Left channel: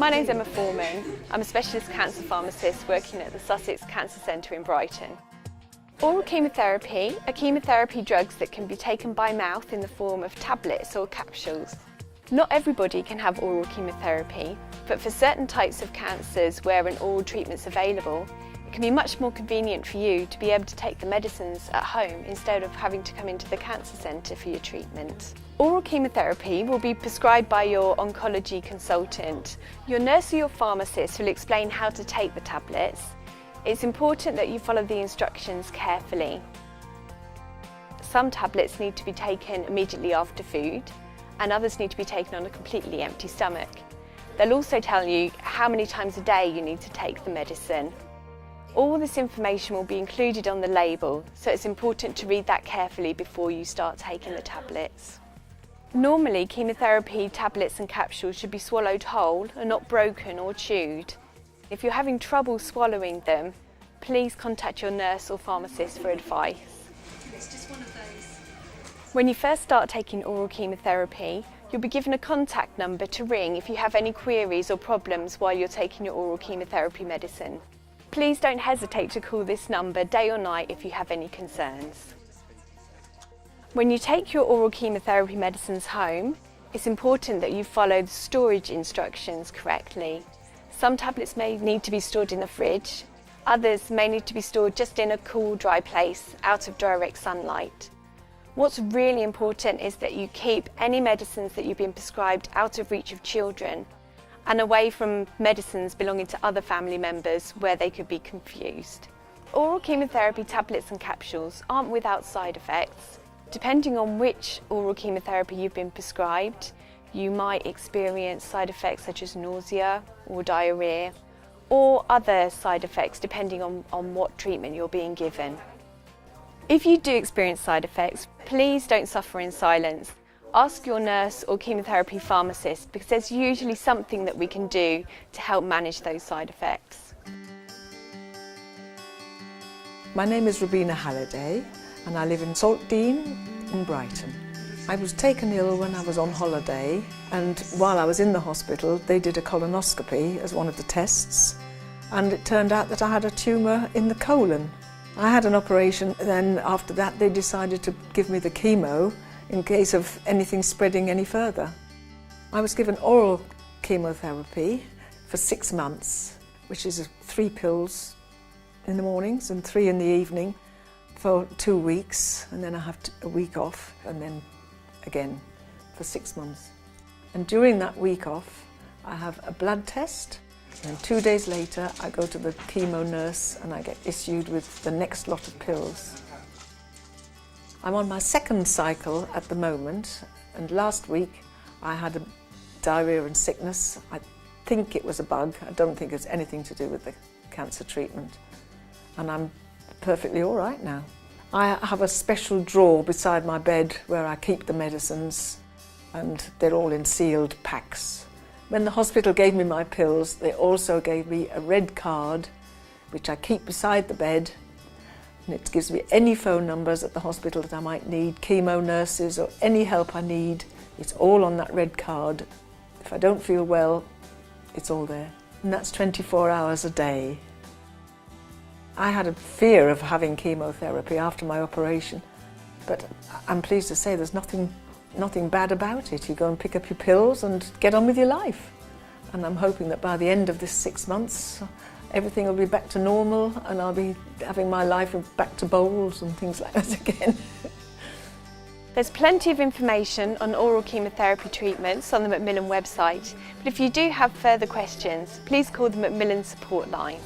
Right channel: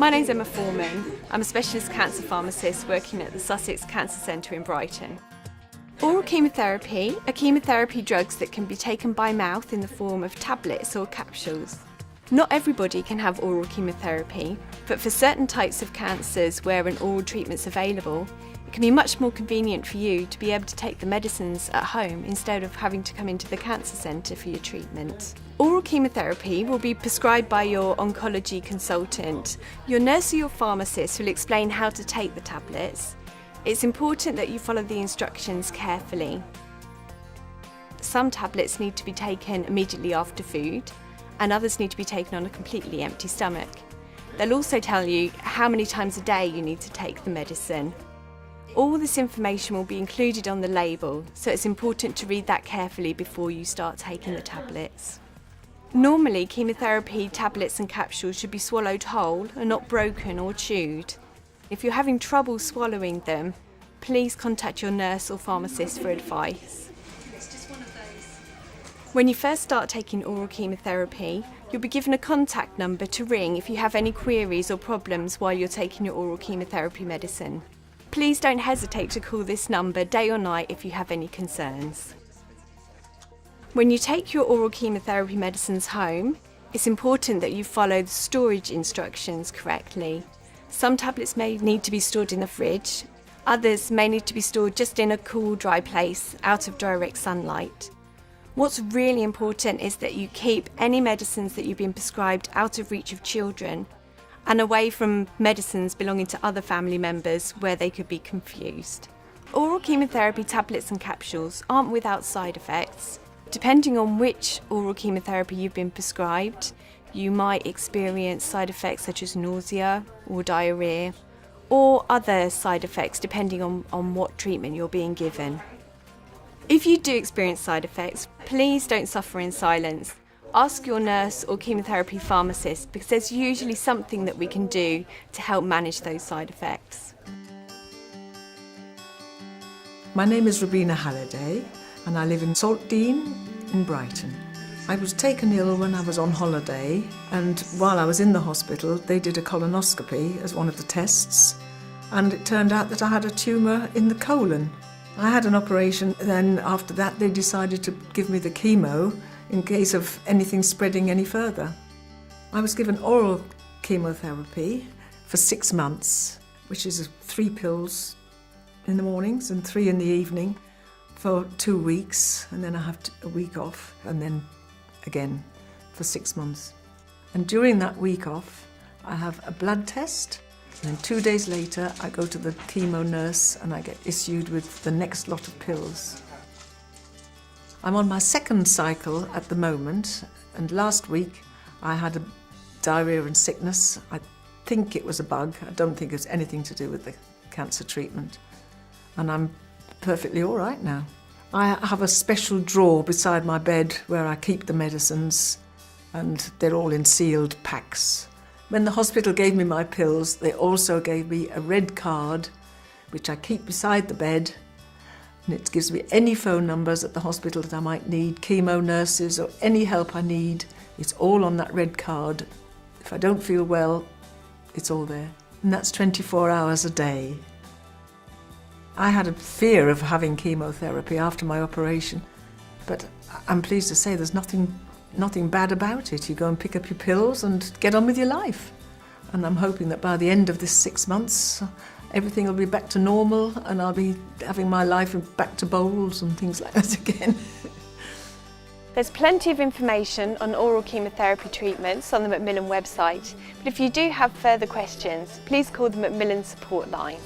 My name's Emma Foreman. I'm a specialist cancer pharmacist working at the Sussex Cancer Centre in Brighton. Oral chemotherapy are chemotherapy drugs that can be taken by mouth in the form of tablets or capsules. Not everybody can have oral chemotherapy, but for certain types of cancers where an oral treatment's available, it can be much more convenient for you to be able to take the medicines at home instead of having to come into the cancer centre for your treatment. Oral chemotherapy will be prescribed by your oncology consultant. Your nurse or your pharmacist will explain how to take the tablets. It's important that you follow the instructions carefully. Some tablets need to be taken immediately after food, and others need to be taken on a completely empty stomach. They'll also tell you how many times a day you need to take the medicine. All this information will be included on the label, so it's important to read that carefully before you start taking the tablets. Normally, chemotherapy tablets and capsules should be swallowed whole and not broken or chewed. If you're having trouble swallowing them, please contact your nurse or pharmacist for advice. It's just one of those. When you first start taking oral chemotherapy, you'll be given a contact number to ring if you have any queries or problems while you're taking your oral chemotherapy medicine. Please don't hesitate to call this number day or night if you have any concerns. When you take your oral chemotherapy medicines home, it's important that you follow the storage instructions correctly. Some tablets may need to be stored in the fridge, others may need to be stored just in a cool, dry place, out of direct sunlight. What's really important is that you keep any medicines that you've been prescribed out of reach of children and away from medicines belonging to other family members where they could be confused. Oral chemotherapy tablets and capsules aren't without side effects. Depending on which oral chemotherapy you've been prescribed, you might experience side effects such as nausea or diarrhea, or other side effects depending on what treatment you're being given. If you do experience side effects, please don't suffer in silence. Ask your nurse or chemotherapy pharmacist because there's usually something that we can do to help manage those side effects. My name is Robina Halliday and I live in Saltdean in Brighton. I was taken ill when I was on holiday, and while I was in the hospital they did a colonoscopy as one of the tests, and it turned out that I had a tumour in the colon. I had an operation, then after that they decided to give me the chemo in case of anything spreading any further. I was given oral chemotherapy for 6 months, which is 3 pills in the mornings and 3 in the evening for 2 weeks, and then I have a week off, and then again for 6 months. And during that week off, I have a blood test. And 2 days later, I go to the chemo nurse and I get issued with the next lot of pills. I'm on my 2nd cycle at the moment, and last week I had a diarrhea and sickness. I think it was a bug. I don't think it's anything to do with the cancer treatment. And I'm perfectly all right now. I have a special drawer beside my bed where I keep the medicines, and they're all in sealed packs. When the hospital gave me my pills, they also gave me a red card, which I keep beside the bed, and it gives me any phone numbers at the hospital that I might need, chemo nurses or any help I need. It's all on that red card. If I don't feel well, it's all there. And that's 24 hours a day. I had a fear of having chemotherapy after my operation, but I'm pleased to say there's nothing bad about it. You go and pick up your pills and get on with your life. And I'm hoping that by the end of this 6 months, everything will be back to normal and I'll be having my life back to bowls and things like that again. There's plenty of information on oral chemotherapy treatments on the Macmillan website, but if you do have further questions, please call the Macmillan support line.